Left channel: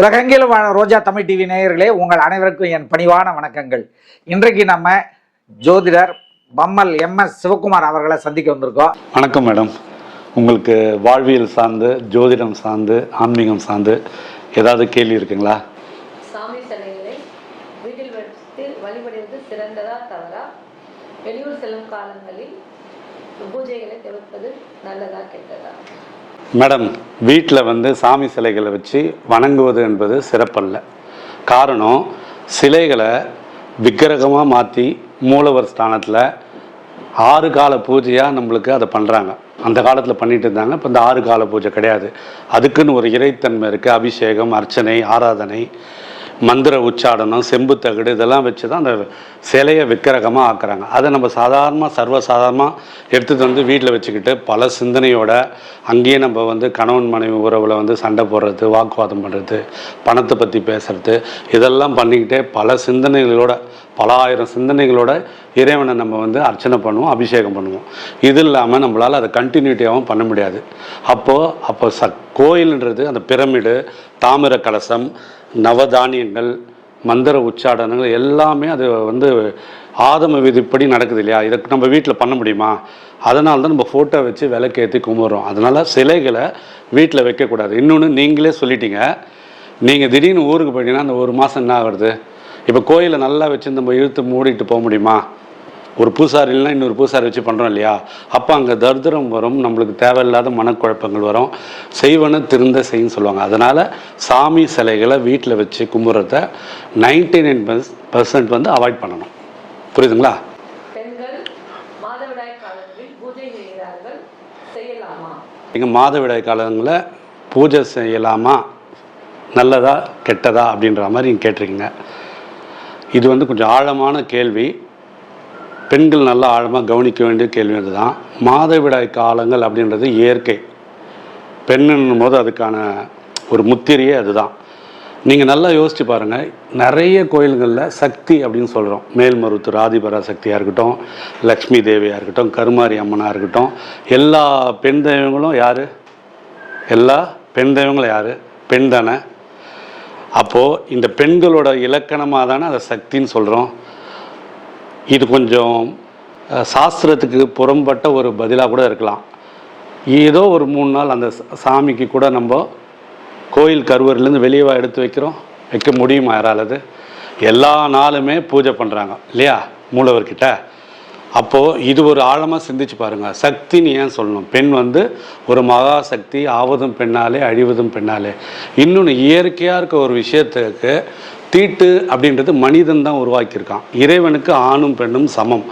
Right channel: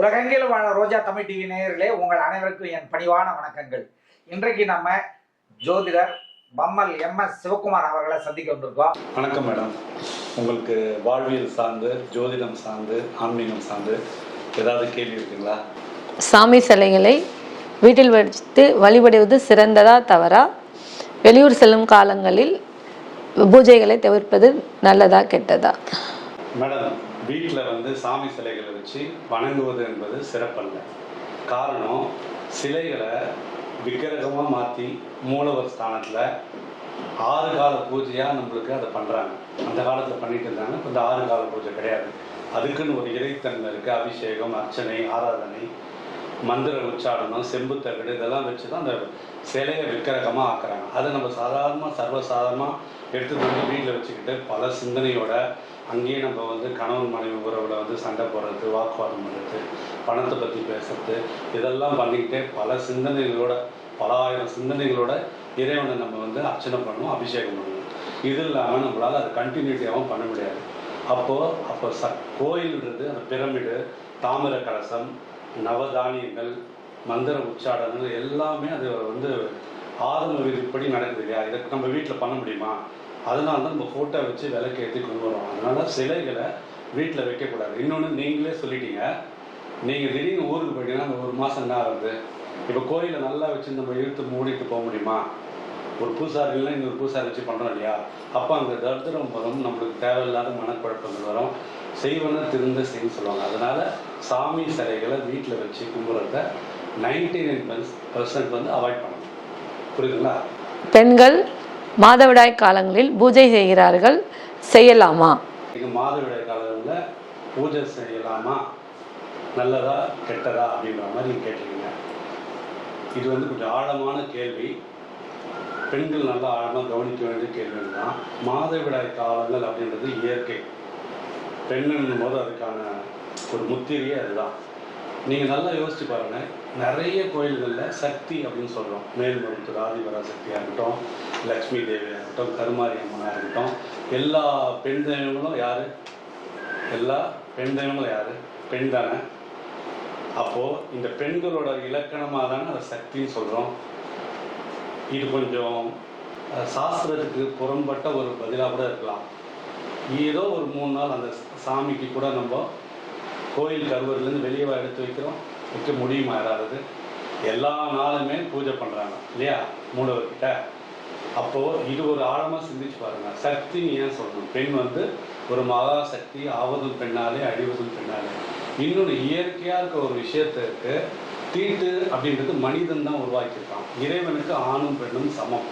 உலகெங்கிலும் வாழ ரோஜா தமிழ் டிவி நேயர்களே, உங்கள் அனைவருக்கும் என் பணிவான வணக்கங்கள். இன்றைக்கு நம்ம ஜோதிடர் பம்மல் MS சிவகுமார் அவர்களை சந்திக்க வந்திருக்கோம். வணக்கம் மேடம். உங்களுக்கு வாழ்வியல் சார்ந்து, ஜோதிடம் சார்ந்து, ஆன்மீகம் சார்ந்து ஏதாவது கேள்வி இருக்குங்களா? சாமி சிலைகளை வீட்டில் வைத்து வழிபடுவது சிறந்ததா தவறா? வெளியூர் செல்லும் காலங்களில் பூஜைகளை தவிர்ப்பது நல்லதா கெட்டதா? மேடம், வீட்டில் சாமி சிலைகளை வச்சு வணங்குவது என்பது சிறப்பல்ல. காரணம், சிலைகளை விக்கிரகமாக மாற்றி மூலவர் ஸ்தானத்தில் 6 கால பூஜையாக நம்மளுக்கு அதை பண்ணுறாங்க. அந்த காலத்தில் பண்ணிட்டு இருந்தாங்க. இப்போ இந்த 6 கால பூஜை கிடையாது. அதுக்குன்னு ஒரு இறைத்தன்மை இருக்குது. அபிஷேகம், அர்ச்சனை, ஆராதனை, மந்திர உச்சாடனம், செம்பு தகடு இதெல்லாம் வச்சு தான் அந்த சிலையை விக்கிரகமாக ஆக்குறாங்க. அதை நம்ம சர்வசாதாரணமாக எடுத்துகிட்டு வீட்டில் வச்சுக்கிட்டு பல சிந்தனையோட அங்கேயே நம்ம கணவன் மனைவி உறவில் சண்டை போடுறது, வாக்குவாதம் பண்ணுறது, பணத்தை பற்றி பேசுறது, இதெல்லாம் பண்ணிக்கிட்டே பல சிந்தனைகளோட, பல ஆயிரம் சிந்தனைகளோட இறைவனை நம்ம அர்ச்சனை பண்ணுவோம், அபிஷேகம் பண்ணுவோம். இது இல்லாமல் நம்மளால் அதை கண்டினியூட்டியாகவும் பண்ண முடியாது. அப்போ கோயில்ன்றது அந்த பிரமிடு, தாமிர கலசம், நவதானியங்கள், மந்திர உச்சாடனங்கள் எல்லாமே அது ஆதம விதிப்படி நடக்குது இல்லையா? இதை நம்ம வீட்டில் பண்ண முடியுமா? அதனால தான் நம்ம ஃபோட்டோ வச்சு விளக்கேற்றி கும்பிட்றோம். அதனால் சிலைகளை வீட்டில் வைக்கக்கூடாது. இன்னொன்று, நீங்களே சொல்லிட்டீங்க, நீங்கள் திடீர்னு ஊருக்கு போயிட்டீங்கன்னா அந்த 1 மாதம் என்ன ஆகுறது? இப்போ கோயிலை நல்லா வச்சு நம்ம இழுத்து மூடிட்டு போக முடியுமா? ஒரு பூசாரி இல்லைன்னா இன்னொரு பூசாரி வச்சு பண்ணுறோம் இல்லையா? அப்போ அங்கே தரித்திரம் வரும், நம்மளுக்கு தேவையில்லாத மனக்குழப்பங்கள் வரும், செய்வன திருந்த செய்யுன்னு சொல்லுவாங்க. அதனால் சாமி சிலைகளை வீட்டில் வச்சு கும்பிட்றத 99% அவாய்ட் பண்ணணும். புரியுதுங்களா? பெண்கள் மாதவிடாய் காலங்களில் பூஜை செய்கிறார்கள், செய்யலாமா? எங்கள் மாதவிடாய் காலங்களில் பூஜை செய்யலாமா, நல்லதா கெட்டதா அப்படின்ற மாதிரி நீங்கள் கேட்டிருக்கீங்க. இது கொஞ்சம் ஆழமான கேள்வி. பெண்கள் நல்லா ஆழமாக கவனிக்க வேண்டிய கேள்வி அதுதான். மாதவிடாய் காலங்கள் அப்படின்றது இயற்கை. பெண்ணுன்னும் போது அதுக்கான ஒரு முத்திரையே அதுதான். நீங்கள் நல்லா யோசித்து பாருங்கள். நிறைய கோயில்களில் சக்தி அப்படின்னு சொல்கிறோம். மேல்மருவத்தூர் ஆதிபரா சக்தியாக இருக்கட்டும், லக்ஷ்மி தேவியாக இருக்கட்டும், கருமாரி அம்மனாக இருக்கட்டும், எல்லா பெண் தெய்வங்களும் யார்? எல்லா பெண் தெய்வங்களும் யார்? பெண் தானே. அப்போது இந்த பெண்களோட இலக்கணமாக தானே அதை சக்தின்னு சொல்கிறோம். இது கொஞ்சம் சாஸ்திரத்துக்கு புறம்பட்ட ஒரு பதிலாக கூட இருக்கலாம். ஏதோ ஒரு 3 நாள் அந்த சாமிக்கு கூட நம்ம கோயில் கருவறையிலேருந்து வெளியே எடுத்து வைக்க முடியுமா யாராலது? எல்லா நாளுமே பூஜை பண்ணுறாங்க இல்லையா மூலவர்கிட்ட. அப்போது இது ஒரு ஆழமாக சிந்திச்சு பாருங்கள். சக்தின்னு ஏன் சொல்லணும்? பெண் ஒரு மகா சக்தி, ஆவதும் பெண்ணாலே அழிவதும் பெண்ணாலே. இன்னொன்று, இயற்கையாக இருக்க ஒரு விஷயத்துக்கு தீட்டு அப்படின்றது மனிதன் தான் உருவாக்கியிருக்கான். இறைவனுக்கு ஆணும் பெண்ணும் சமம்.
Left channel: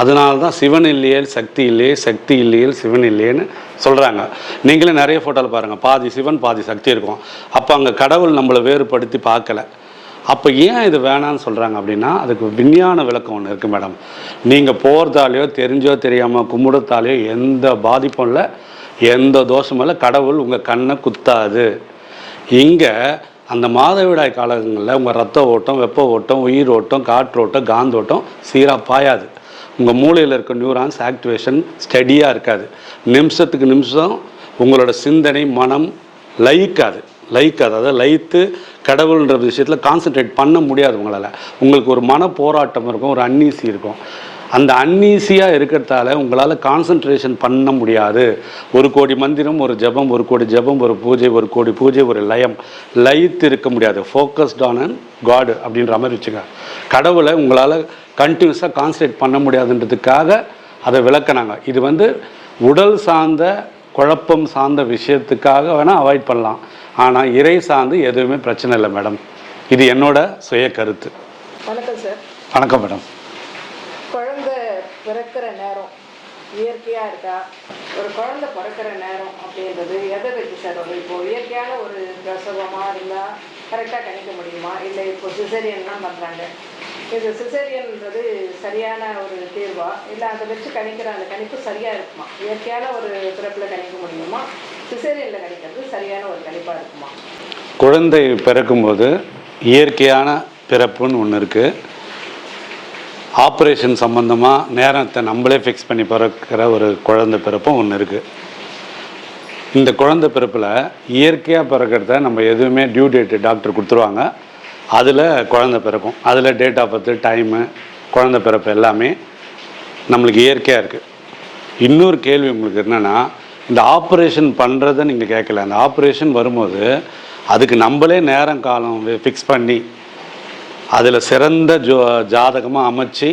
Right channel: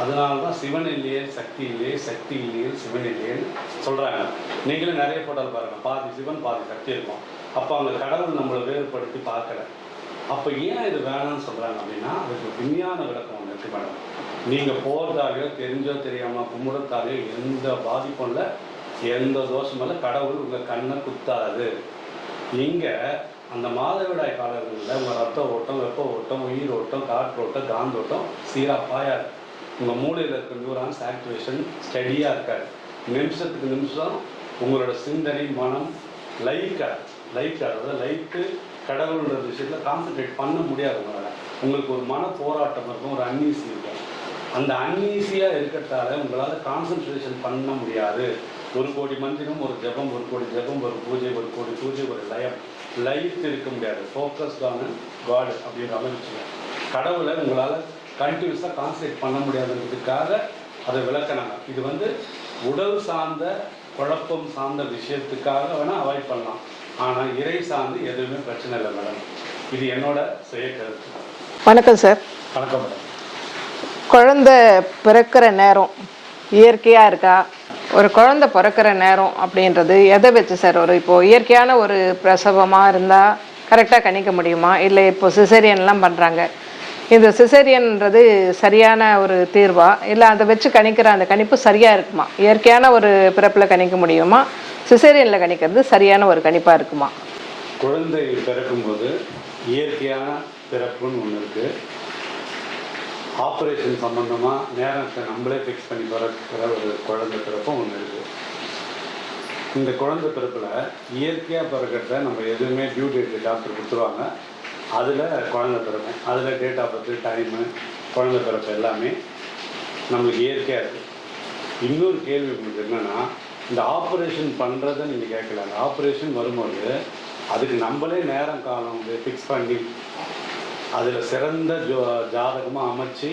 அதனால தான் சிவன் இல்லையே சக்தி இல்லையே, சக்தி இல்லையே சிவன் இல்லையேன்னு சொல்கிறாங்க. நீங்களே நிறைய ஃபோட்டோவில் பாருங்கள், பாதி சிவன் பாதி சக்தி இருக்கும். அப்போ அங்கே கடவுள் நம்மளை வேறுபடுத்தி பார்க்கல. அப்போ ஏன் இது வேணான்னு சொல்கிறாங்க அப்படின்னா, அதுக்கு விஞ்ஞான விளக்கம் ஒன்று இருக்குது மேடம். நீங்கள் போகிறதாலேயோ தெரிஞ்சோ தெரியாமல் கும்பிடத்தாலேயோ எந்த பாதிப்பும் இல்லை, எந்த தோஷமும் இல்லை. கடவுள் உங்கள் கண்ணை குத்தாது. இங்கே அந்த மாதவிடாய் காலங்களில் உங்கள் ரத்த ஓட்டம், வெப்ப ஓட்டம், உயிர் ஓட்டம், காற்றோட்டம், காந்தோட்டம் சீராக பாயாது. உங்கள் மூளையில் இருக்க நியூரான்ஸ் ஆக்டிவேஷன் ஸ்டடியாக இருக்காது. நிமிஷத்துக்கு நிமிஷம் உங்களோட சிந்தனை, மனம் லயிக்காது. அதாவது லயித்து கடவுள்ன்ற விஷயத்தில் கான்சன்ட்ரேட் பண்ண முடியாது உங்களால். உங்களுக்கு ஒரு மன போராட்டம் இருக்கும், ஒரு அன்னீசி இருக்கும். அந்த அன்னீசியாக இருக்கிறதால உங்களால் கான்சன்ட்ரேஷன் பண்ண முடியாது. 1 கோடி மந்திரம், ஒரு ஜபம், 1 கோடி ஜபம், ஒரு பூஜை, 1 கோடி பூஜை, ஒரு லயம், லயித்து இருக்க முடியாது. ஃபோக்கஸ்ட் ஆன் அண்ட் காடு அப்படின்ற மாதிரி வச்சுக்க. கடவுளை உங்களால் கண்டினியூஸாக கான்சன்ட்ரேட் பண்ண முடியாதுன்றதுக்காக அதை விளக்குனாங்க. இது உடல் சார்ந்த குழப்பம் சார்ந்த விஷயத்துக்காக வேணால் அவாய்ட் பண்ணலாம். ஆனால் இறை சார்ந்து எதுவுமே பிரச்சனை இல்லை மேடம். இது என்னோட சுய கருத்து. வணக்கம் சார். வணக்கம் மேடம். குழந்தை பிறக்கிற நேரம் இயற்கையாக இருக்கா? ஒரு குழந்தை பிறக்கிற நேரம் அப்படின்றது எதை வச்சு சார்? இப்போது இயற்கையான ஒரு பிரசவமாக இருந்தால் கரெக்டாக கணிக்க முடியுமா? இல்லை இப்போ சிசேரியன்லாம் பண்ணுறாங்க, இந்த சிசேரியன்றது சரியான ஒரு தீர்வா? இல்லை அதை வச்சு கணிக்கிற அந்த கணிப்பு சரியாக இருக்குமா? இயற்கையான ஒரு பிறப்பில் கணிக்க முடியுமா? சிசேரியனில் கணிக்கிறது சரியான ஒரு கணிப்பாக இருக்குமா? குழந்தை பிறக்கும்போது இயற்கையான பிறப்புன்னு ஒன்று இருக்குது. ஆப்ரேஷன் சம்மந்தமாக நேரத்தை நம்மளே ஃபிக்ஸ் பண்ணி பிறக்கிற ஒரு குழந்தை பிறப்பும் ஒன்று இருக்குது. இந்த குழந்தை பிறப்பில் இயற்கையாக பிறக்கிறத நம்ம எதுவுமே டியூ டேட்டு டாக்டர் கொடுத்துருவாங்க. அதில் குழந்தை பிறக்கும். அதில் டேட் ஆஃப் பர்த்து, டைமு, குழந்தை பிறப்பு எல்லாமே நம்மளுக்கு இயற்கையாக இருக்குது. இன்னொரு கேள்வி உங்களுக்கு என்னென்னா, இந்த ஆப்ரேஷன் பண்ணுறதை நீங்கள் கேட்கல. அந்த ஆப்ரேஷன் வரும்போது அதுக்கு நம்மளே நேரம் காலம் ஃபிக்ஸ் பண்ணி அதில் சிறந்த ஜாதகமாக அமைச்சு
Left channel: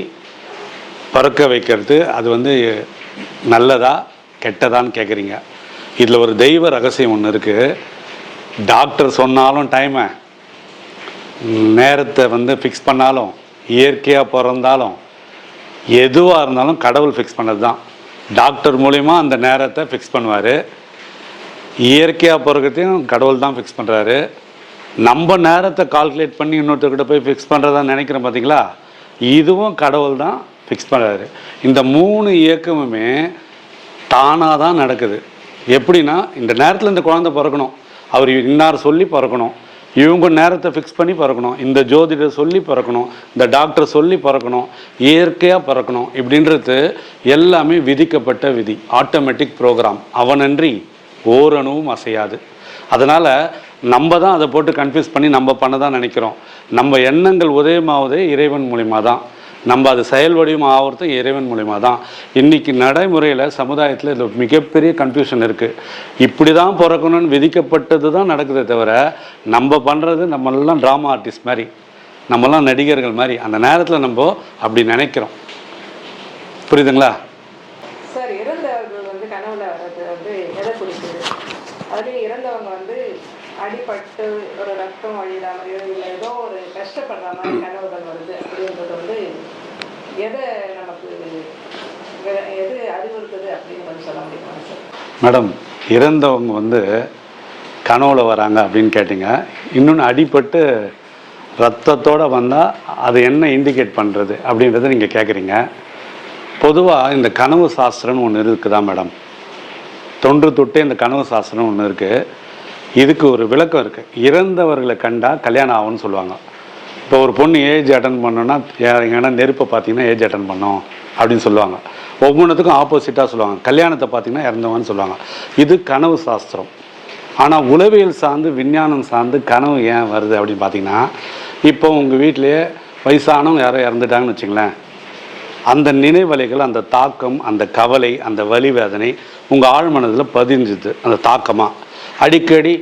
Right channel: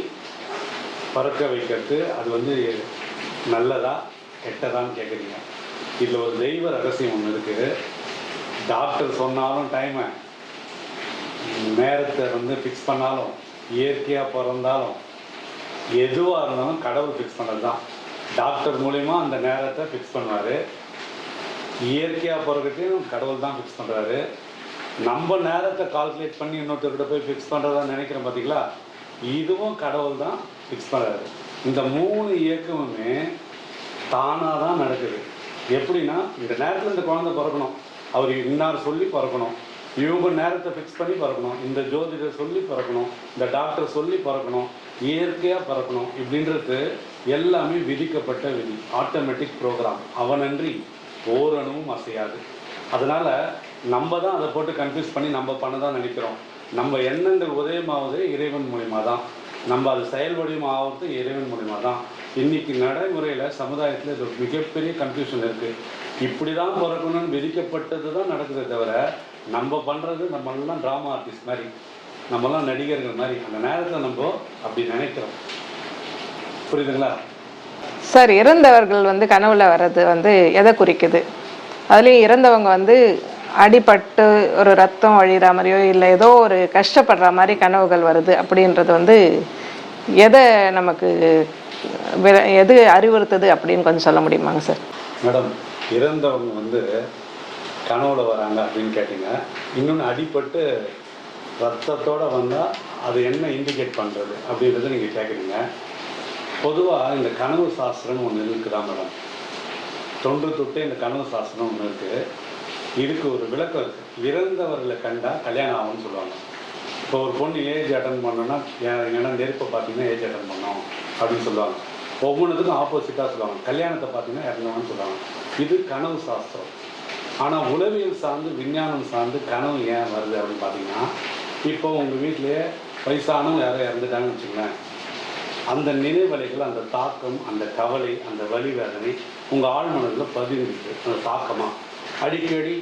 பிறக்க வைக்கிறது அது வந்து நல்லதா கெட்டதான்னு கேட்குறீங்க. இதில் ஒரு தெய்வ ரகசியம் ஒன்று இருக்குது. டாக்டர் சொன்னாலும் டைமை, நேரத்தை வந்து ஃபிக்ஸ் பண்ணாலும், இயற்கையாக பிறந்தாலும், எதுவாக இருந்தாலும் கடவுள் ஃபிக்ஸ் பண்ணது தான். டாக்டர் மூலிமா அந்த நேரத்தை ஃபிக்ஸ் பண்ணுவார். இயற்கையாக பிறக்கிறதையும் கடவுள் தான் ஃபிக்ஸ் பண்ணுறாரு. நம்ம நேரத்தை கால்குலேட் பண்ணி இன்னொருத்தர்கிட்ட போய் ஃபிக்ஸ் பண்ணுறதா நினைக்கிறோம் பார்த்தீங்களா, இதுவும் கடவுள் தான் ஃபிக்ஸ் பண்ணுறாரு. இந்த 3 இயக்கமுமே தானாக தான் நடக்குது. எப்படின்னா, இந்த நேரத்தில் இந்த குழந்தை பிறக்கணும், அவர் இன்னார் சொல்லி பிறக்கணும், இவங்க நேரத்தை ஃபிக்ஸ் பண்ணி பிறக்கணும், இந்த ஜோதிடர் சொல்லி பிறக்கணும், இந்த டாக்டர் சொல்லி பிறக்கணும், இயற்கையாக பிறக்கணும், இப்படின்றது எல்லாமே விதிக்கப்பட்ட விதி, ஆட்டோமேட்டிக் ப்ரோக்ராம். அவனன்றி ஓரணுவும் அசையாது. அதனால் நம்ம தான் அதை போட்டு கன்ஃபியூஸ் பண்ணி நம்ம பண்ண தான் நினைக்கிறோம். நம்ம எண்ணங்கள் உதயமாவதே இறைவன் மூலிமா தான். நம்ம அது செயல் வடிவம் ஆகிறது இறைவன் மூலிமா தான். இன்றைக்கி நடைமுறையில் சமுதாயத்தில் இது மிகப்பெரிய கன்ஃபியூஷன் இருக்குது. இப்படி தான் பிறக்கணும்னு விதிக்கப்பட்டது தான் நடக்குதே தவிர, நம்ம பண்ணுறது நம்மளாம் ட்ராமா ஆர்டிஸ்ட் மாதிரி, நம்மளாம் நடிகர்கள் மாதிரி அந்த நேரத்தில் நம்ம அப்படி நினைக்கிறோம். புரியுதுங்களா சார்? இறந்தவர்கள் வந்து கனவுல வர்றது வந்து எதை குறிக்குது? அதுலேயும் இறந்தவங்க வந்து அடிபட்டு ஒரு ரத்தம் வழிகிற மாதிரியோ இல்லை ஏதோ ஒரு கஷ்டப்படுற மாதிரி கனவுகள் வருது அப்படின்றது வந்து எதை நமக்கு எது அறிவுறுத்துது அப்படின்னு கொஞ்சம் சொல்ல முடியுமாங்க சார்? மேடம், இறந்தவங்க வந்து கனவுல வராங்க அப்படின்னு கேட்டிங்க. இன்னொன்று, அடிபட்டு ரத்தத்தோடு வந்தால் அது என்ன இண்டிகேட் பண்ணுறது அப்படின்றத நீங்கள் கேட்குறீங்க. பொதுவாக இந்த கனவு சாஸ்திரம்னு ஒன்று இருக்குதா மேடம்? தொன்று தொட்டே இந்த கனவு சாஸ்திரம் ஒன்று இருக்குது. இதுக்கு ஒரு விளக்கம் இருக்குது. இறந்தவர்களை கண்டால் கல்யாணம் ஆகும்னு சொல்லுவாங்க. இப்போ ஒரு பொண்ணு ஏஜ் அட்டன் பண்ணோன்னா, எங்கன்னா நெருப்பை பார்த்தீங்கன்னா ஏஜ் அட்டன் பண்ணோம் அப்படின்னு சொல்லுவாங்க. ஒவ்வொன்றுத்துக்கும் ஆப்போசிட்டாக சொல்லுவாங்க. கல்யாணத்தை பார்த்தீங்கன்னா இறந்தவன்னு சொல்லுவாங்க. இது கனவு சாஸ்திரம். ஆனால் உளவியல் சார்ந்து, விஞ்ஞானம் சார்ந்து கனவு ஏன் வருது அப்படின்னு பார்த்தீங்கன்னா, இப்போ உங்கள் வீட்டிலேயே வயசானவங்க யாரோ இறந்துட்டாங்கன்னு வச்சுங்களேன், அந்த நினைவலைகள், அந்த தாக்கம், அந்த கவலை, அந்த வலி வேதனை உங்கள் ஆழ்மனதில் பதிஞ்சுது. அந்த தாக்கமாக அடிக்கடி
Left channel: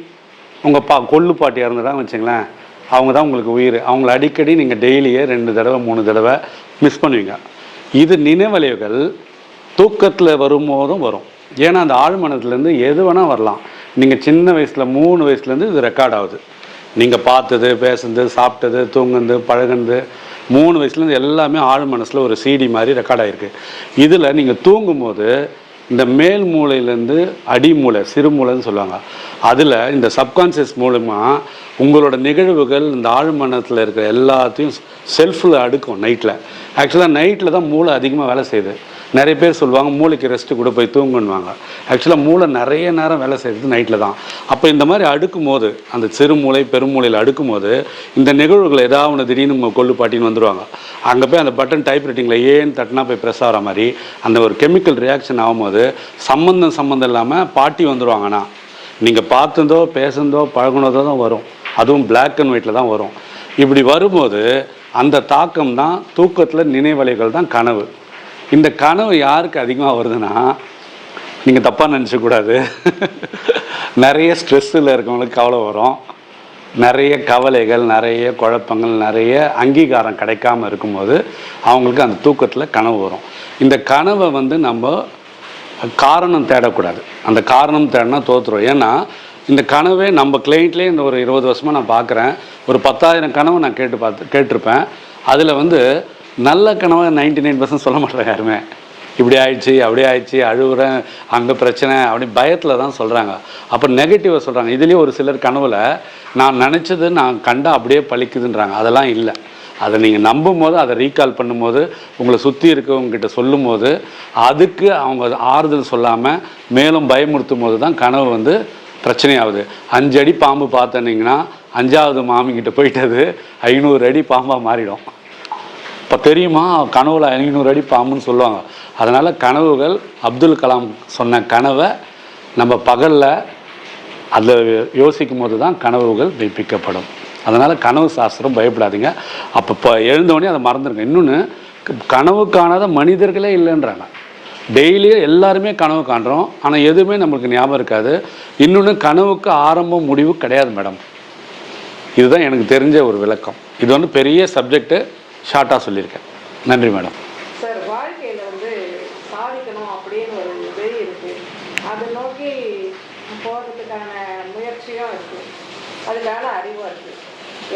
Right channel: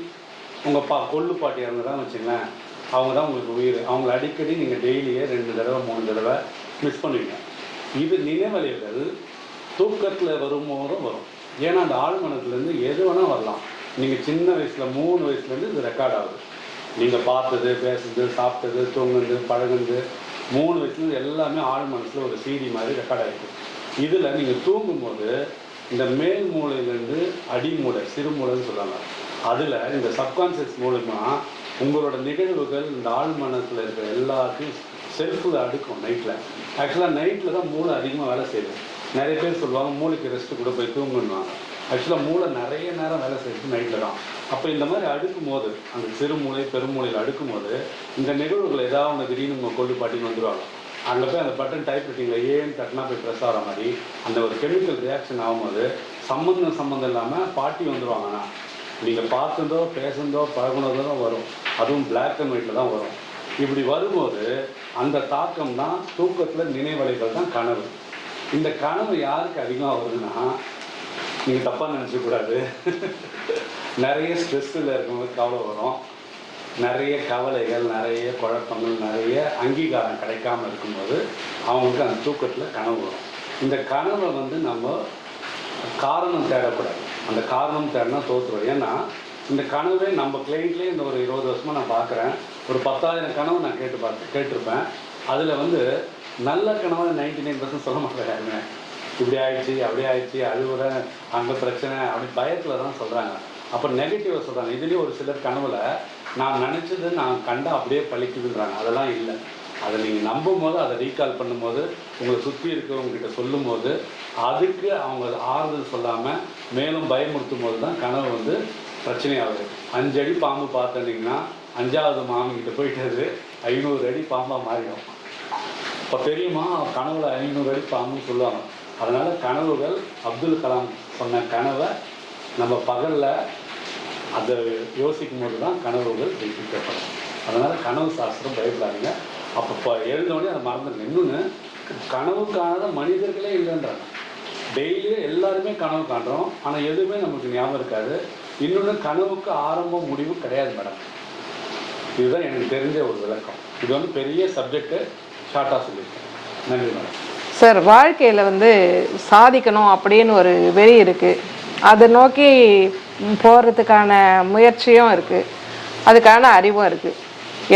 உங்கள் கொள்ளு பாட்டி இறந்துட்டாங்கன்னு வச்சுங்களேன், அவங்க தான் உங்களுக்கு உயிர். அவங்கள அடிக்கடி நீங்கள் டெய்லியே 2 தடவை 3 தடவை மிஸ் பண்ணுவீங்க. இது நினைவலைகள் தூக்கத்தில் வரும்போதும் வரும். ஏன்னா அந்த ஆழ்மனத்துலேருந்து எது வேணால் வரலாம். நீங்கள் சின்ன வயசில் 3 வயசுலேருந்து இது ரெக்கார்ட் ஆகுது. நீங்கள் பார்த்தது, பேசுனது, சாப்பிட்டது, தூங்குனது, பழகுனது 3 வயசுலேருந்து எல்லாமே ஆழ் மனசில் ஒரு சிடி மாதிரி ரெக்கார்ட் ஆகிருக்கு. இதில் நீங்கள் தூங்கும்போது இந்த மேல் மூளையிலேருந்து அடி மூளை, சிறு மூளைன்னு சொல்லுவாங்க, அதில் இந்த சப்கான்ஷியஸ் மூலமாக உங்களோட நிகழ்வுகள் இந்த ஆழ்மனத்தில் இருக்கிற எல்லாத்தையும் செல்ஃபில் அடுக்கும் நைட்டில். ஆக்சுவலாக நைட்டில் தான் மூளை அதிகமாக வேலை செய்யுது. நிறைய பேர் சொல்லுவாங்க மூளைக்கு ரெஸ்ட்டு கூட போய் தூங்குன்னுவாங்க. ஆக்சுவலாக மூளை நிறைய நேரம் வேலை செய்கிறது நைட்டில் தான். அப்போ இந்த மாதிரி அடுக்கும் போது, அந்த சிறு மூளை பெருமூளையில் அடுக்கும் போது இந்த நிகழ்வுகள் ஏதாவது ஒன்று திடீர்னு கொள்ளு பாட்டின்னு வந்துடுவாங்க. அங்கே போய் அந்த பட்டன் டைப் ரைட்டிங்கில் ஏன்னு தட்டினா போய் ப்ரெஸ் ஆகிற மாதிரி அந்த ஒரு கெமிக்கல் ரியாக்ஷன் ஆகும்போது சம்மந்தம் இல்லாமல் பாட்டி வந்துடுவாங்கன்னா, நீங்கள் பார்த்ததோ பேசுனதோ பழகுனதோ தான் வரும். அதுவும் பிளாக் அண்ட் ஒயிட்டில் தான் வரும். இப்படி வரும்போது அந்த தாக்கம் தான் தூக்கத்தில் நினைவலைகள் தான் கனவு. இந்த கனவு யாருக்கு அதிகமாக வருதுன்னா, நீங்கள் தப்பாக நினச்சக்கூடாது, நிறைய ஸ்ட்ரெஸ்ஸில் இருக்கவங்களுக்கு கவலை வரும், நிறைய கவலைகள், நிறைய குழப்பங்கள், நிறைய அங்கீகாரம் கிடைக்காமல் இருக்கும்போது அவங்களுக்கு அந்த தூக்கத்தில் கனவு வரும். இந்த கனவை நம்ம காரணம் தேடக்கூடாது. அந்த காரணம் தேடினா தோற்றுரும். ஏன்னா இந்த கனவே நம்ம கிளைண்ட்லேயே இந்த ஒரு 20 வருஷமாக நான் பார்க்குறேன். ஒரு 10,000 கனவு நான் கேட்டிருப்பேன். அதில் நல்ல கனவை 99% சொல்ல மாட்டேன் யாருமே. இப்படி ஆயிடுச்சு, அப்படியே ஆயிடுச்சு, அழுகுறேன், அங்கே பிரச்சனை, அப்படி பயத்தில் தான் சொல்கிறாங்க. அப்போ நெகட்டிவாக சொல்கிறாங்க. இதுலேயும் ஒரு சிலர் கனவில் நான் நினச்சது நான் கண்டா அப்படியே பழிக்குதுன்றாங்க. அதெல்லாம் இல்லை. அதை நீங்கள் நம்பும் போது, அதை ரீகால் பண்ணும்போது, உங்களை சுற்றி இருக்கவங்ககிட்ட சொல்லும் போது, அதுக்கு அவங்க ஆறுதல் சொல்லாமல் மேலும் பயமுறுத்தும் போது தான் கனவு பிரச்சனையாகுது. 5 அடி பாம்பு பார்த்தனிங்கன்னா 5ஆவது மாமிங்கிட்ட போயிட்டது 500 அடி பாம்பாக மாறிடும். இப்போ தெரியுமா கனவுல 500 அடி பாம்புன்னு சொல்லுவாங்க. அதனால் கனவுகள், அப்துல் கலாம் சொன்ன கனவை நம்ம பகலில் அதில் யோசிக்கும் போது தான் கனவுகள் மெய்ப்பிக்கப்படும். அதனால் கனவு சாஸ்திரம் பயப்படாதீங்க. அப்போ எழுந்தோடனே அதை மறந்துடுங்க. இன்னொன்று, கனவு காணாத மனிதர்களே இல்லைன்றாங்க. டெய்லியும் எல்லாருமே கனவு காண்றோம், ஆனால் எதுவுமே நம்மளுக்கு ஞாபகம் இருக்காது. இன்னொன்று, கனவுக்கு ஆரம்பம் முடிவு கிடையாது மேடம். இதுதான் எனக்கு தெரிஞ்ச ஒரு விளக்கம். இது வந்து பெரிய சப்ஜெக்ட்டு, ஷார்ட்டாக சொல்லியிருக்கேன். நன்றி மேடம். சார், வாழ்க்கையில் சாதிக்கணும் அப்படின்னு ஒரு வெறி இருக்குது. அதை நோக்கி போகிறதுக்கான முயற்சியும் இருக்குது, அதுக்கான அறிவும் இருக்குது.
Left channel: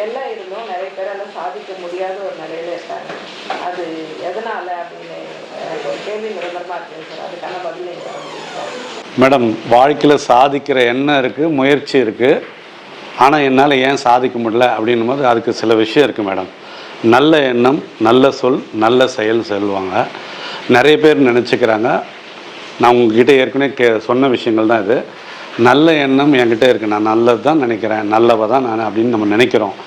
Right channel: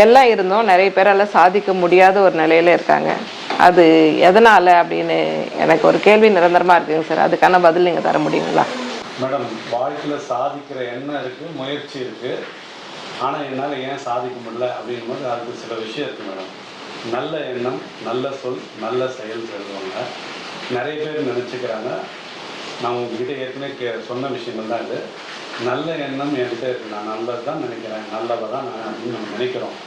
எல்லாம் இருந்தும் நிறைய பேரால் சாதிக்க முடியாத ஒரு நிலையில் இருக்காங்க. அது எதனால் அப்படின்னு எனக்கு ஒரு கேள்வி நிரந்தரமாக இருக்குங்க சார். அதுக்கான பதில் நீங்கள் தர முடியுங்களா? மேடம், வாழ்க்கையில் சாதிக்கிற எண்ணம் இருக்குது, முயற்சி இருக்குது. ஆனால் என்னால் ஏன் சாதிக்க முடியல அப்படின்னும் போது அதுக்கு சில விஷயம் இருக்குது மேடம். நல்ல எண்ணம், நல்ல சொல், நல்ல செயல் சொல்லுவாங்க. நிறைய பேர் நினச்சிக்கிறாங்க, நான் உங்ககிட்ட ஏற்கனவே சொன்ன விஷயங்கள் தான் இது. நல்ல எண்ணம் என்கிட்ட இருக்குது, நான் நல்லது தான் நினைக்கிறேன், நல்லவ தான் நான் அப்படின்னு நம்ம நினைக்கிறோம்.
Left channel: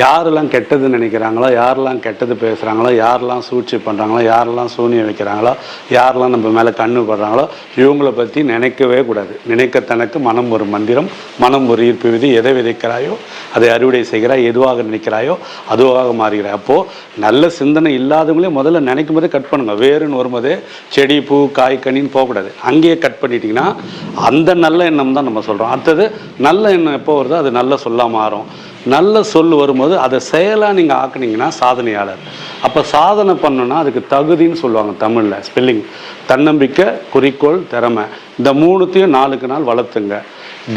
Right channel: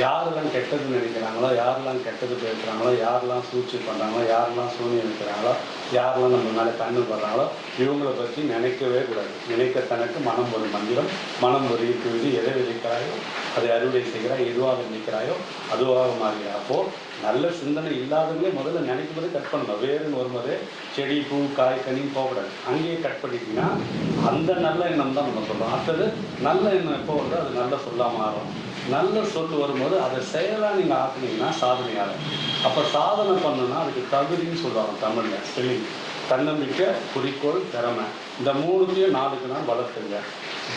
யாரெல்லாம் கெட்டது நினைக்கிறாங்களோ, யாரெல்லாம் கெட்டது பேசுகிறாங்களோ, யாரெல்லாம் சூழ்ச்சி பண்ணுறாங்களோ, யாரெல்லாம் சூனியம் வைக்கிறாங்களோ, யாரெல்லாம் நம்ம மேலே கண்ணு படுறாங்களோ, இவங்களை பற்றி நினைக்கவே கூடாது. நினைக்க தனக்கு மனம் ஒரு மந்திரம், மனம் ஒரு ஈர்ப்பு விதி. எதை விதைக்கிறாயோ அதை அறுவடை செய்கிறாய், எதுவாக நினைக்கிறாயோ அதுவாக மாறுகிறாய். அப்போது நல்ல சிந்தனை இல்லாதவங்களே முதல்ல நினைக்கும் போதே கட் பண்ணுங்க. வேறுன்னு வரும்போதே செடி, பூ, காய், கனின்னு போகக்கூடாது. அங்கேயே கட் பண்ணிட்டீங்கன்னா அந்த நல்ல எண்ணம் தான் நம்ம சொல்கிறோம். அடுத்தது, நல்ல எண்ணம் எப்போ வருதோ அது நல்ல சொல்லாக மாறும். நல்ல சொல் வரும்போது அதை செயலாக நீங்கள் ஆக்குனீங்கன்னா சாதனையாளர். அப்போ சாதனை பண்ணணுன்னா அதுக்கு தகுதின்னு சொல்லுவாங்க தமிழில், ஸ்பெல்லிங். தன்னம்பிக்கை, குறிக்கோள், திறமை, இந்த மூணுத்தையும் நாளுக்கு நாள் வளர்த்துங்க.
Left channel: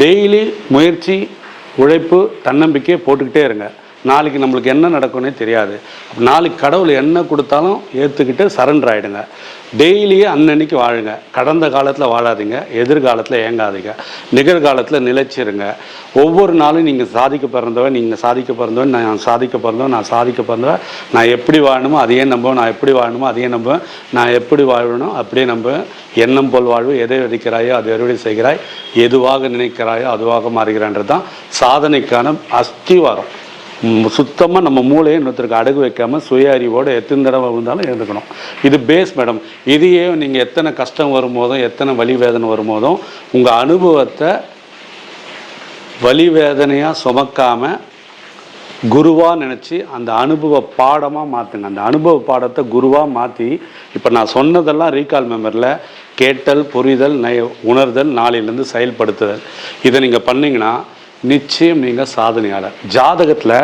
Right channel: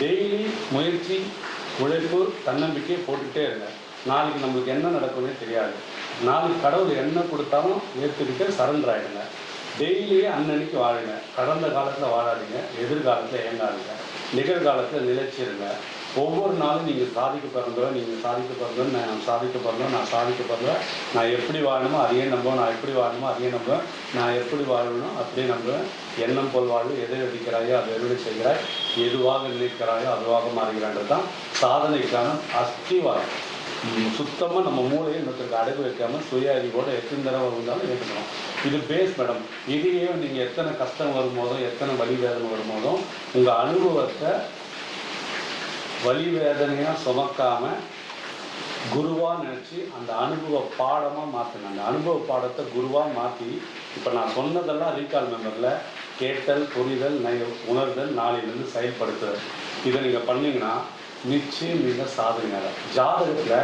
டெய்லி முயற்சி, உழைப்பு, தன்னம்பிக்கையை போட்டுக்கிட்டே இருங்க. நாளைக்கு நம்மளுக்கு என்ன நடக்கும்னே தெரியாது. நாளைக்கு கடவுள் என்ன கொடுத்தாலும் ஏற்றுக்கிட்டு சரண்டர் ஆகிடுங்க. டெய்லியே அன்னன்னைக்கு வாழுங்க. கடந்த காலத்தில் வாழாதீங்க, எதிர்காலத்தில் ஏங்காதீங்க, நிகழ்காலத்தில் நிலைச்சிருங்க. ஒவ்வொரு நாளும் நீங்கள் சாதிக்க பிறந்தவன், நீங்கள் சாதிக்க பிறந்தவன், நான் சாதிக்க பிறந்தவன், நான் சாதிக்க பிறந்தவன், நான் எப்படி வாழணுமோ அதையே நம்புவேன், நான் எப்படி வாழணுமோ அதையே நம்புவேன், நான் எப்படி வாழணும் அப்படியே நம்புவேன். எண்ணம் போல் வாழ்வு, எதை விதைக்கிறாயோ அதை அறுவடை செய்கிறாய், எதுவாக நினைக்கிறாயோ அதுவாக மாறுகிறான்றது தான் சாதனைக்கான அஸ்திவாரம். சுத்தமாக நம்ம மூளையை இன்னொருத்தருக்கு அடகு வைக்காமல் சுய அறிவோடு எத்தனை தடவை இருந்தாலும் எழுந்துக்கணும். இது பேஸ் மேடம். இதையே நீங்கள் எத்தனை கஷ்டம் வரும்போதும், எத்தனை வலி வேதனை வரும்போதும் உங்கள் அனுபவத்தை வலி வேதனையாக சுமக்காமல் குருவாக நினச்சி அந்த அனுபவ பாடமாக மாற்றுங்க. அந்த அனுபவ பாடத்தை குருவாக மாற்றி, இப்போ நான் சொன்னதெல்லாம் ரீகால் மெமரியில் கேட்டல், புரிதல், உணர்தல், நாளையிலேருந்து செயல்படுத்துதல், இதை நீங்கள் பண்ணிங்கன்னா நிச்சயம் நீங்கள் சாதனையாளர். ஜாதகத்தில்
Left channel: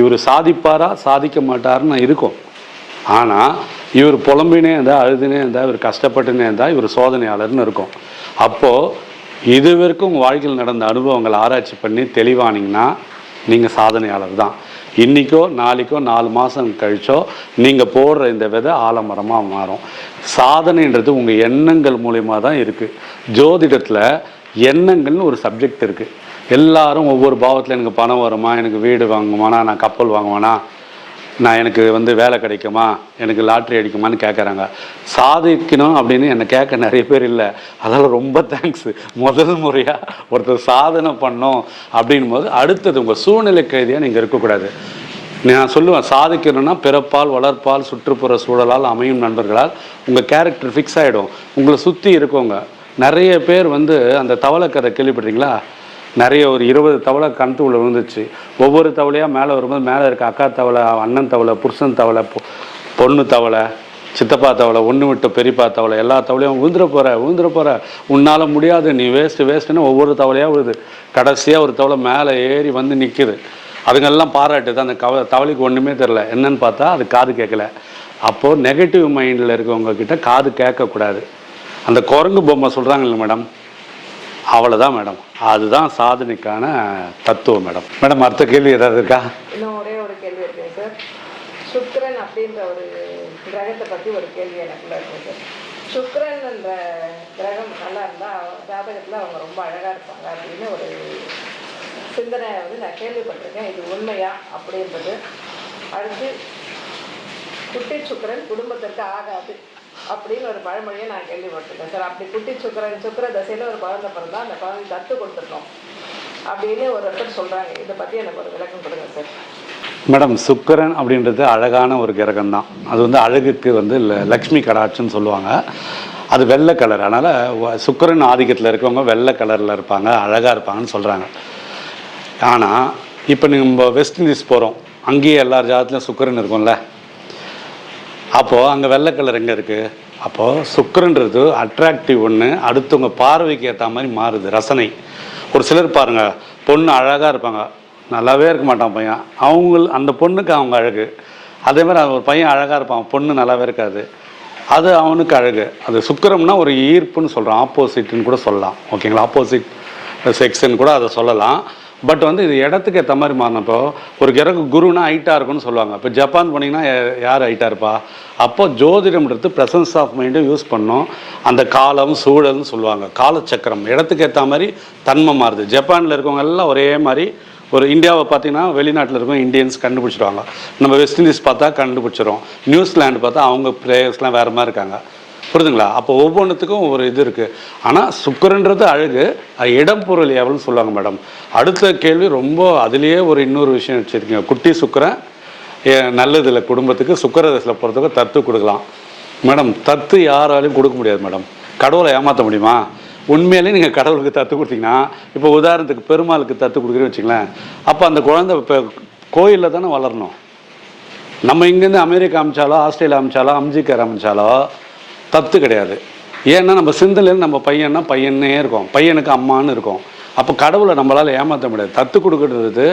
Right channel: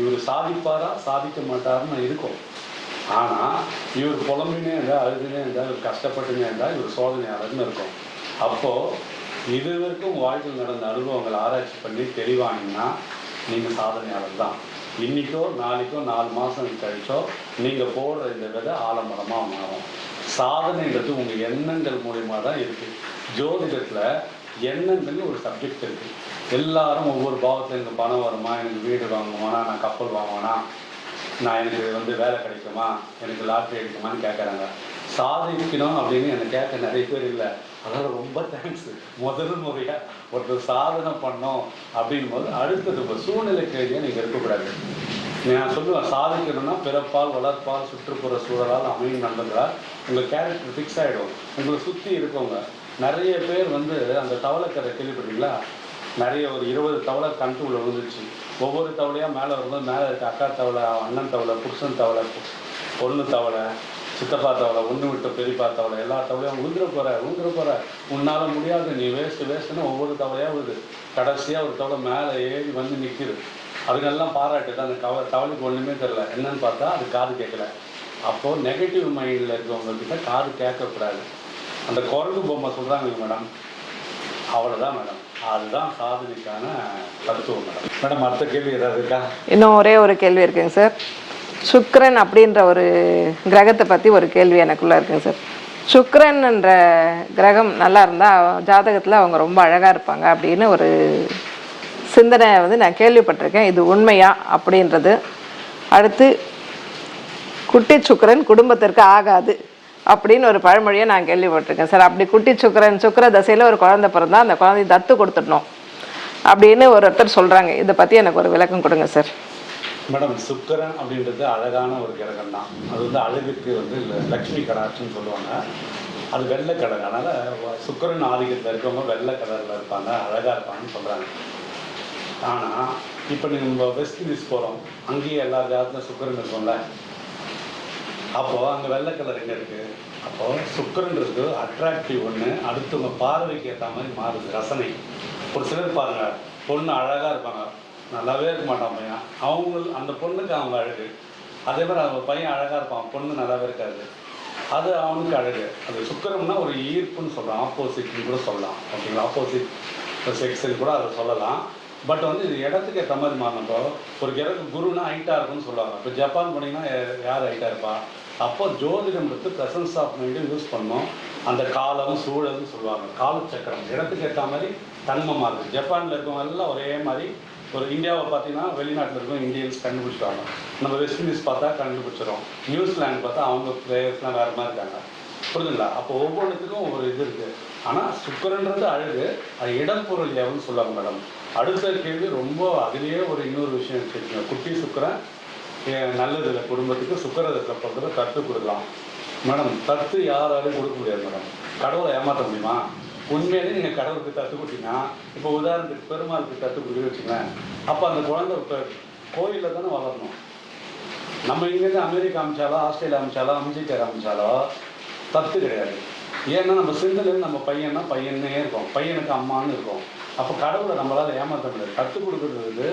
இவர் சாதிப்பாரா சாதிக்க மாட்டாருன்னு இருக்கும். ஆனால் இவர் புலம்பினே இருந்தால், அழுதுனே இருந்தால், இவர் கஷ்டப்பட்டுனே இருந்தால் இவர் சோதனையாளர்னு இருக்கும். அப்போது இது வரைக்கும் உங்கள் வாழ்க்கையில் நடந்த அனுபவங்களை ஆராய்ச்சி பண்ணி தெளிவானீங்கன்னா நீங்கள் சாதனையாளர் தான். இன்றைக்கோ நாளைக்கோ 4 மாதம் கழிச்சோ நீங்கள் போடுற இந்த விதை ஆலமரமாக மாறும். சாதனைன்றது உங்கள் எண்ணங்கள் மூலிமா தான் இருக்குது. ஜோதிடத்தில் எண்ணங்கள்னு ஒரு சப்ஜெக்ட் இருக்குது. எல்லாரும் ஒவ்வொரு பாவத்தில் எனக்கு பணம் வருமா, எனக்கு வீடு வாங்குவானா, நான் கப்பல் வாங்குவானா, நான் எனக்கு வேலை கிடைக்குமா, எனக்கு லாட்ரி அடிக்குமான்னு கேட்குறாங்க. சாதிக்கணும் அப்படின்னு என்னை கேட்க நிறைய பேர் இல்லை. அதனால் ரொம்ப தேங்க்ஸ். முதல் முறையாக ஒருத்தர் சாதனை பண்ணோம் அப்படின் போது அடுத்தது உங்கள் சூழ்நிலை கைதியாக நீங்கள் இருக்கக்கூடாது. நான் சொல்லுவேன், சாதிக்கணும்னா பிறப்பால், வளர்ப்பால், சுற்றுப்புற சூழலால், அமையும் நண்பர்களால் உங்கள் கேரக்டர் ஃபிக்ஸ் ஆகிடும். உங்களை சுற்றி இருக்கவங்க நிறைய பேர் அந்த தவளை கதை கேள்விப்படுறீங்களா? நிறைய ஒரு 20 தவளை கணத்துக்குள்ளே விழுந்துச்சு. ஒவ்வொரு தவளையாக மேலே வரும்போது மேலே இருக்க அக்கா தவளை, அண்ணன் தவளை, புருஷன் தவளை, பொண்ணு தவளை, சித்தப்பா தவளை, ஒன்று விட்டு பெரியப்பா தவளை, எல்லா தவளையும் விழுந்துட போகிற, உன்னால் முடியாது, நீ வேஸ்ட்டுன்னு ஒவ்வொரு தவளையாக விழுது. கடைசியாக ஒரு தவளை மேலே ஏறி நிற்கிது. அதுங்கெல்லாம் பாராட்டுது. அந்த தவளைக்கு ஒன்றுமே தெரில. என்னன்னு பார்த்தா அது காது கேட்கல. அப்போது நெகட்டிவ் மைண்டில் இருக்கவங்கக்கிட்ட காது கேட்கக்கூடாது. அந்த குரங்கு பொம்மை சொல்கிறாங்க இல்லை மேடம், அவ்வளோதான் மேடம். அதுதான் சாதனைக்கான தத்துவம் மேடம். மேடம், அடுத்த கேள்வி ஏதாவது இருக்கா? இன்னும் ஒரே ஒரு கேள்வி இருக்குங்க சார். சுக்கிரன் அப்படின்ற ஒரு கிரகத்தை பற்றி ஒரு கேள்வி எனக்குள்ளே இருக்குங்க சார். சுக்கிரன்ன்ற கிரகம் நல்லா இருந்தால் ஜாதகத்தில் அவங்க ரொம்ப அழகாக இருப்பாங்க அப்படின்னு ஒரு சிந்தனை நான் கேள்விப்பட்டிருக்கேன். இது உண்மையா அப்படின்றது. அடுத்து, குட்டி சுக்கிரன் குடும்பத்திற்கு ஆகாது அப்படின்னு ஒரு பழமொழியை நான் கேள்விப்பட்டிருக்கேன் சார். அப்படி குட்டி சுக்கிர தசையில் ஒரு குழந்தை பிறந்தா அந்த குழந்தைய தத்து கொடுத்துடணும் அப்படின்னு ஒருத்தர் சொல்கிறாங்க. இதை பற்றி எனக்கு ஒரு விளக்கம் கொடுங்க சார். மேடம், சுக்கிரன் அப்படின்றது அழகான ஒரு கிரகம் தான். அது அழகுக்கு லக்ஷ்மி கடாட்சன்னு சொல்லுவாங்க. அது வெள்ளை கலர். அதனால் சுக்கிரன் ஆதிக்கத்தில் இருக்கவங்க வெள்ளை கலரில் இருப்பாங்க, அழகாக இருப்பாங்கன்னு சொல்கிறாங்க. ஆனால் இப்போ நம்ம வெஸ்ட் இண்டீஸ் போகிறோம், அங்கேயே எல்லார் ஜாதத்துலையும் சுக்கிரன் இருக்கும்ல, அப்போது அங்கே வெள்ளை கலர் எங்கே இருக்குது? அப்போது சுக்கிரன்றது அட்ராக்டிவ் ஒன்று, அடுத்தவங்க பார்வைக்கு ஏற்ற மாதிரி மாறுது, ரசனை. ஒரு சிலர் பாருங்கள், பொண்ணு அழகாக இருப்பாங்க, நல்லாவே இருக்க மாட்டான் பையன், அந்த பொண்ணுக்கு அவங்க அழகு. அதே மாதிரி ஒரு பையன் அழகாக இருப்பான், பொண்ணு நல்லாவே இருக்காது, அது அவனுக்கு அழகு. அது சுக்கிரம்னா ஒரு ஈர்ப்புன்னு சொல்கிறோம், ஆப்போசிட்னு கூட சொல்லலாம். ஓகேங்களா? ஆப்போசிட் செக்ஸ்ன்னு கூட அதை சொல்லலாம். பட் வந்து இது இடத்துக்கு ஏற்ற மாதிரி மாறினப்போ, ஒரு கிரக குருனா ஹைட்டாக இருக்குன்னு சொல்லுவாங்க. இப்போ ஜப்பான் போனீங்கன்னா யார் ஹைட்டாக இருப்பா? அப்போ ஜோதிடம்ன்றது ப்ரெசன்ஸ் ஆஃப் மைண்டும் யூஸ் பண்ணோம். அந்த காலம் சூழல்னு சொல்லுவாங்க, காலச்சக்கரம் இடத்துக்கு ஏற்ற மாதிரி தன்மை மாறுது. ஜப்பானில் இருக்கவங்க எல்லாம் ஒரே மாதிரி. ஒரு இந்தியாவை பார்த்தீங்கன்னா வெளிநாட்டில் இருக்கவங்க இந்தியன்ஸ் கண்டுபிடிச்சிடுவாங்க, நம்ம வெஸ்ட் இண்டீஸ் பார்த்தா கண்டுபிடிச்சிடும், நியூசிலாண்டு பார்த்தா அவங்க பிளேயர்ஸ்லாம் வேறு மாதிரி இருக்காங்க. புரியுதுங்களா? அப்போ ஒவ்வொன்றுத்துக்கும் ஒரு இது இருக்குது. ஆனால் சுக்கிரன்றது அழகு, இடம் பொருள் எவ்வளோன்னு சொல்லுவாங்க மேடம். அடுத்த கேள்வி ரொம்ப அதுலேயே ஒரு இன்னொரு விஷயம் வச்சுருக்கீங்க. குட்டி சுக்கிரன் நல்லதில்லை குடும்பத்துக்கு, சுக்கிரதசையில் பொறுத்தவரை தத்து கொடுக்கலாம் மேடம். தத்து யாராலையும் கொடுக்க முடியாது மேடம். கடவுளை ஏமாற்ற முடியுமா? உண்மையிலேயே நீங்கள் கடவுளுக்கு தத்து கொடுத்தீங்கன்னா, இப்போ உதாரணத்துக்கு பெருமாளுக்கு தத்து கொடுக்குறேன்னு வச்சுங்களேன், அப்போ அந்த குழந்தை இப்போ கோயிலில் தானே வளரணும். நம்ம இங்கேருந்து அமெரிக்கா அமைச்சாலோ ஆஸ்திரேலியா அமைச்சாலோ அம்ஜிக்கர் அமைச்சாலோ தத்து கிடையாது. ஏன்னா நம்ம சிந்தனையில் நம்ம பையன்னா பையனே இருக்கோம், பையனுக்கு அம்மானு இருக்கும். அப்போ கடவுளை நம்மளால் ஏமாற்ற முடியாது. தத்து கொடுக்கறது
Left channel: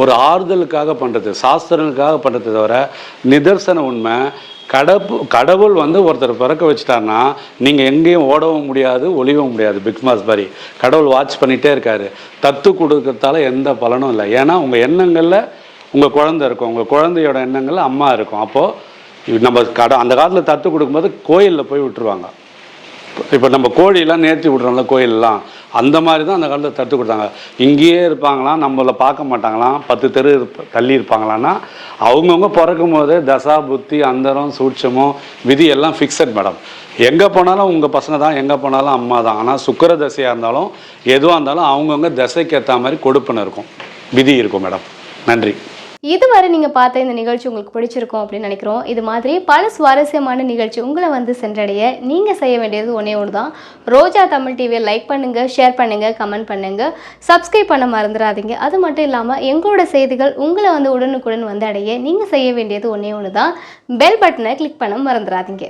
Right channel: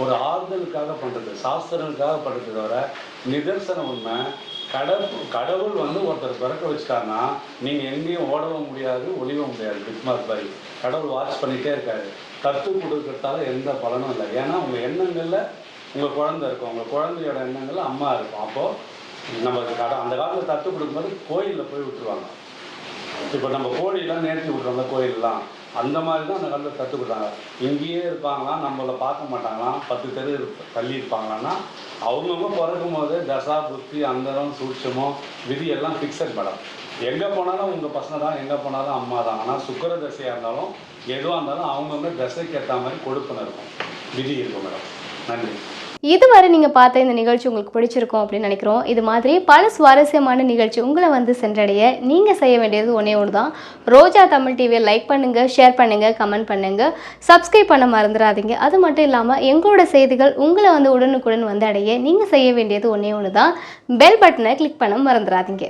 ஒரு ஆறுதலுக்காக பண்ணுறது, சாஸ்திரனுக்காக பண்ணுறது தவிர நிதர்சன உண்மை. கடவுள் வந்து ஒருத்தர் பிறக்க வச்சுட்டாருன்னா நீங்கள் எங்கேயும் ஓடவும் முடியாது, ஒளியவும் முடியாது. பிக் பாஸ் மாதிரி கடவுள் வாட்ச் பண்ணிகிட்டே இருக்காரு. தத்து கொடுக்கறதால எந்த பலனும் இல்லை. ஏன்னா உங்கள் எண்ணங்களில் உங்கள் குழந்தை இருக்கும், உங்கள் குழந்தையோட எண்ணங்களில் அம்மா இருக்கும். அப்போது நம்ம அந்த காலத்தில் தத்து கொடுக்கும்போது கோயிலில் போய் விட்டுருவாங்க. இப்போ நம்ம கோழியெல்லாம் நேர்த்தி விட்றோம்ல கோயிலெலாம், அந்த மாதிரி தான் அந்த காலத்தில் தத்து கொடுத்தாங்க. இங்கேயே இருப்பாங்களாம், நம்மளை பார்க்க மாட்டாங்களாம், 10 தெரு தள்ளி இருப்பாங்களான்னா அவங்கவுங்க பிறக்கும் போது தசா புத்தி அந்தரம் சூட்சமோ விதி எல்லாம் ஃபிக்ஸட் மேடம். எங்கே போனாலும் உங்கள் பசங்க தான், எங்கே போனாலும் அம்மா தான். ஆனால் சுக்கிர தசையாக இருந்தாலும் எதுவாக இருந்தாலும் அவங்கவுங்க தசைக்கு ஏற்ற மாதிரி கொடுப்புன்னு இருக்கும், விதி இருக்கும் மேடம். நன்றி. இதுவரை நீங்கள் பார்த்த இந்த நிகழ்ச்சி உங்களுக்கு பிடிச்சிருக்கும் அப்படின்னு நினைக்கிறோம். இது மாதிரி பல சுவாரஸ்யமான நிகழ்ச்சி உங்களை வந்து சென்றடைய நீங்கள் செய்ய வேண்டியது ஒன்றே ஒன்று தான். ரோஜா தமிழ் டிவியை லைக் பண்ணுங்கள், ஷேர் பண்ணுங்கள், கமெண்ட் பண்ணுங்கள், சப்ஸ்கிரைப் பண்ண மறந்துடாதீங்க. அது மட்டும் இல்லாமல் எங்களோட செய்திகள் உங்களை வந்து உடனுக்குடன் வந்து அடைய நீங்கள் செய்ய வேண்டியது ஒன்றே ஒன்று தான், பெல் பட்டனை கிளிக் பண்ண மறந்துடாதீங்க.